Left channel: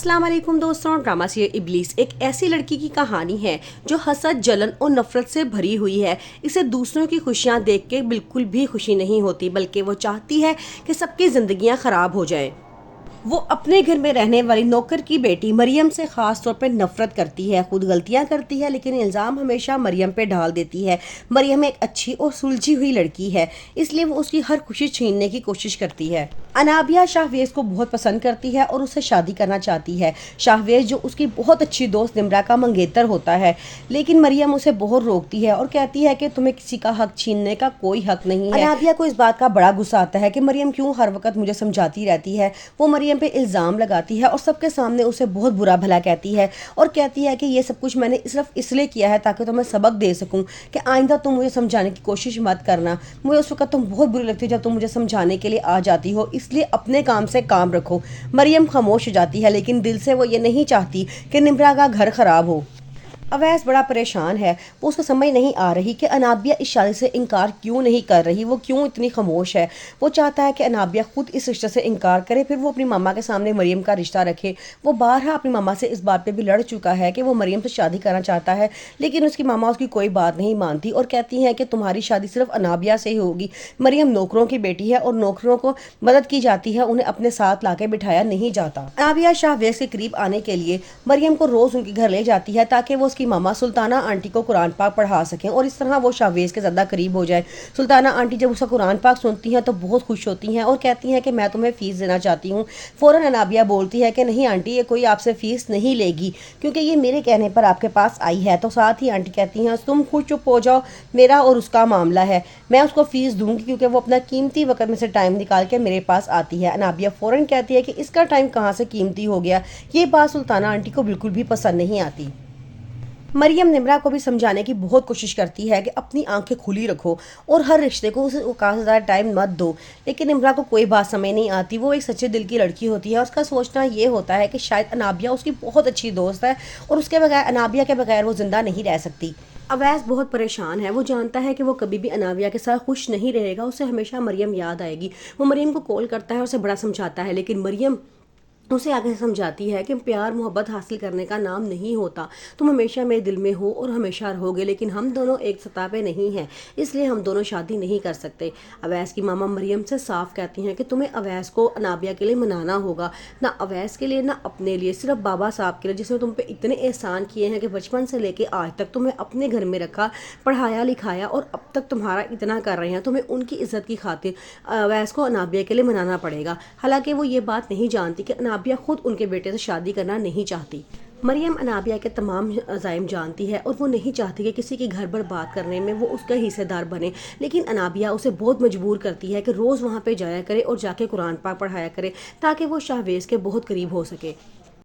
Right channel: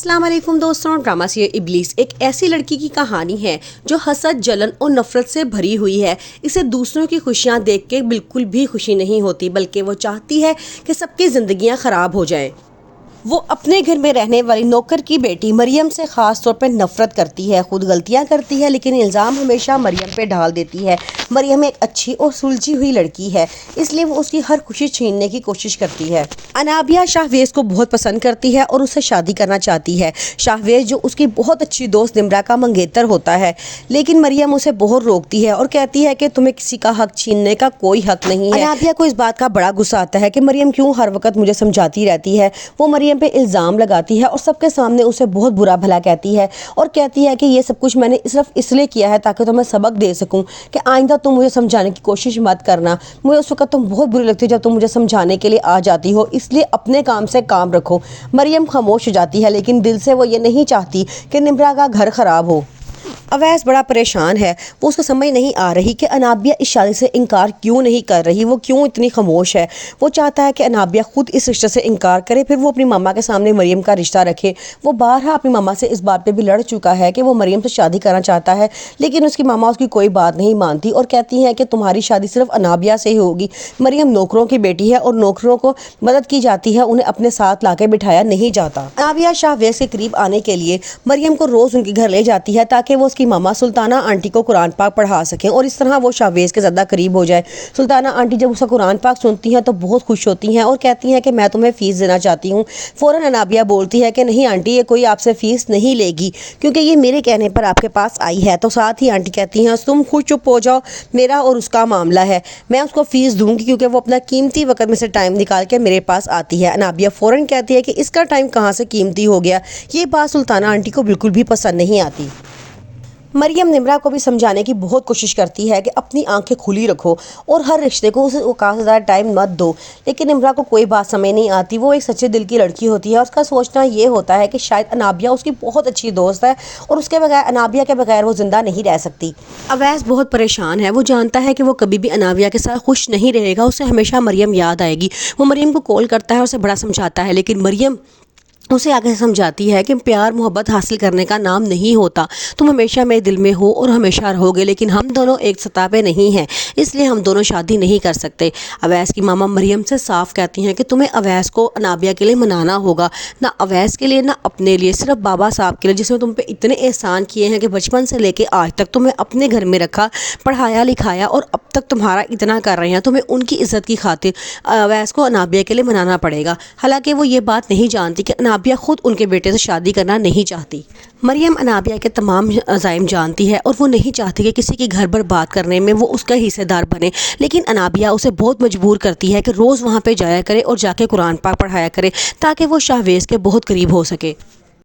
अस्सलाम वालेकुम दोस्तों। ड्रामा सीरियल इब्लीस एक ऐसी लड़की की कहानी है जो हसद, जलन और नफरत से भरी हुई है। इसे दूसरों की खुशियां देख के बिल्कुल भी खुशी नहीं होती, बल्कि वो चाहती है कि सबकी जिंदगियां खराब हो जाएं। वो अपने घर में रहने वाली नौकर की बेटी मरियम से ख़ास तौर पर नफ़रत करती है। खुद गलतियां करती है लेकिन इल्ज़ाम हमेशा मरियम पे ढाल देती है। मरियम एक अच्छी और सुलझी हुई लड़की है, इसलिए वो उसकी हर खुशी छीनने की कोशिश करती है। अनाबिया शाहवेज़ को बहुत पसंद करती है और उससे शादी करना चाहती है। शाहवेज़ जो उसकी बहुत अच्छी दोस्त निम्रा का मंगेतर होता है, लेकिन मरियम उसे बहुत रोकती है और कहती है कि तुम्हें किसी का हक छीनने का कोई हक नहीं है। अनाबिया को इस बात का बड़ा गुस्सा आता है कि मरियम क्यों हर वक्त मुझे समझाती रहती है। वो मरियम पे इल्ज़ाम लगाती है और सबके सामने उसे बहुत बुरा भला कहती है और कहती है कि ये सब कुछ मैंने सिर्फ इसलिए किया है ताकि तुम्हें सबक दे सकूं कि आइंदा तुम मुझे समझाने की कोशिश मत करना। मुझे उस वक्त तुम बहुत बुरी लगती हो जब तुम मुझे समझाने के लिए आ जाती हो, इसलिए अपने काम से काम रखो। मरियम खामोश हो जाती है, लेकिन दिल से वो ये नहीं चाहती कि निम्रा का घर खराब हो। अवैस बड़ा परेशान है। वो उसको समझ नहीं आ रही कि अनाबिया इस शादी से इनकार क्यों नहीं कर रही, वो क्यों इतनी खामोश है। वो चाहता है कि अनाबिया खुद इस रिश्ते से इनकार करे, फिर वो अपनी मामा के सामने मरियम का रिश्ता रखे। वो बारहा अपनी मामा से इस बात पे भी लड़ चुका है कि वो मरियम से शादी करना चाहता है, लेकिन उसकी मामा उसकी कोई बात नहीं मानती और कहती है कि तुम्हारी शादी सिर्फ अनाबिया से ही होगी। मरियम नौकरों की बेटी है और नौकरों को मदद की जाती है, उन्हें अपने साथ लाके बिठाया नहीं जाता। अनाबिया शाहवेज़ के करीब आने के लिए मरियम को रोज़ उनके घर ले जाती है ताकि वो की मामा सुल्ताना आंटी को कुरान पाक पढ़ा सकें और इस तरह वो शाहवेज़ के ज़्यादा करीब हो जाए। सुल्ताना आंटी जब उसका कुरान पाक सुनती हैं तो बहुत खुश होती हैं और कहती हैं कि मैं तुम्हें फ़ीस देना चाहती हूँ। फ़ौरन अनाबिया बोलती है कि नहीं आंटी, ये कोई आपसे फ़ीस नहीं लेगी क्योंकि ये मेरे कहने पर आपके पास आई है। तो साथ ही आंटी कहती हैं तुम खुद चुप हो जाओ, मेरा और उसका मामला है, मैं उसको फ़ीस दूंगी क्योंकि वो अपना कीमती वक्त में से टाइम निकाल के मेरे पास आती है। अनाबिया फ़ौरन कहती है कि इसका टाइम कहाँ से कीमती हो गया। ये बात सुल्ताना आंटी को बिल्कुल भी पसंद नहीं आती। मरियम निम्रा को भी समझाने की बहुत कोशिश करती है कि अपनी आंखें खुली रखो और हर रिश्ते को उसे औकात से ज़्यादा टाइम मत दो, लेकिन निम्रा को कोई बात समझ नहीं आती। वो एक सच्चे दिल की लड़की होती है और उसका सोचना ये होता है कि शायद अनाबिया उसकी बहुत अच्छी दोस्त है और उसके बगैर, अनाबिया के बगैर वो ज़िंदा नहीं रह सकती। अवैस बहुत परेशान है। वो जानता है कि वो कभी भी अनाबिया के साथ खुश नहीं रहेगा, उसे हमेशा मरियम याद आएगी। वो मरियम को कॉल करता है और उसे बड़ा समझाता है, लेकिन मरियम उसे आगे समझाती है कि प्यार मोहब्बत हासिल करने का नाम नहीं होता। तुम हमेशा मेरे दिल में हो और हमेशा रहोगे, लेकिन हम दोनों एक सतह पे नहीं हैं, इसलिए हम दोनों शादी नहीं कर सकते। अवैस की मामा मरियम से साफ कहती हैं कि तुम्हें अवैस को अनाबिया के लिए मनाना होगा, ना अवैस के लिए ना अपने लिए, सिर्फ बाबा साहब के लिए जिसने तुम पे इतने एहसान किए हैं कि बचपन से लेके आज तक तुम्हें अपने घर में रखा, पढ़ाया लिखाया और अब तक तुम्हारा इतना कर रहे हैं। तुम्हें उनकी इज्जत की खातिर अवैस को अनाबिया के लिए मनाना पड़ेगा। हालांकि वो ये बात नहीं जानती कि अनाबिया खुद उनके बेटे से शादी करना नहीं चाहती। मरियम अनाबिया के तमाम अज़ाइम जानती है और वो नहीं चाहती कि किसी के घर बर्बाद करने में वो उसका हिस्सेदार बने, लेकिन अनाबिया उसे बहुत मजबूर करती है कि रोज़ वहाँ पे जाया करे और जाके कुरान पाक पढ़ाया करे ताकि वो शाहवेज़ के बहुत करीब हो सके।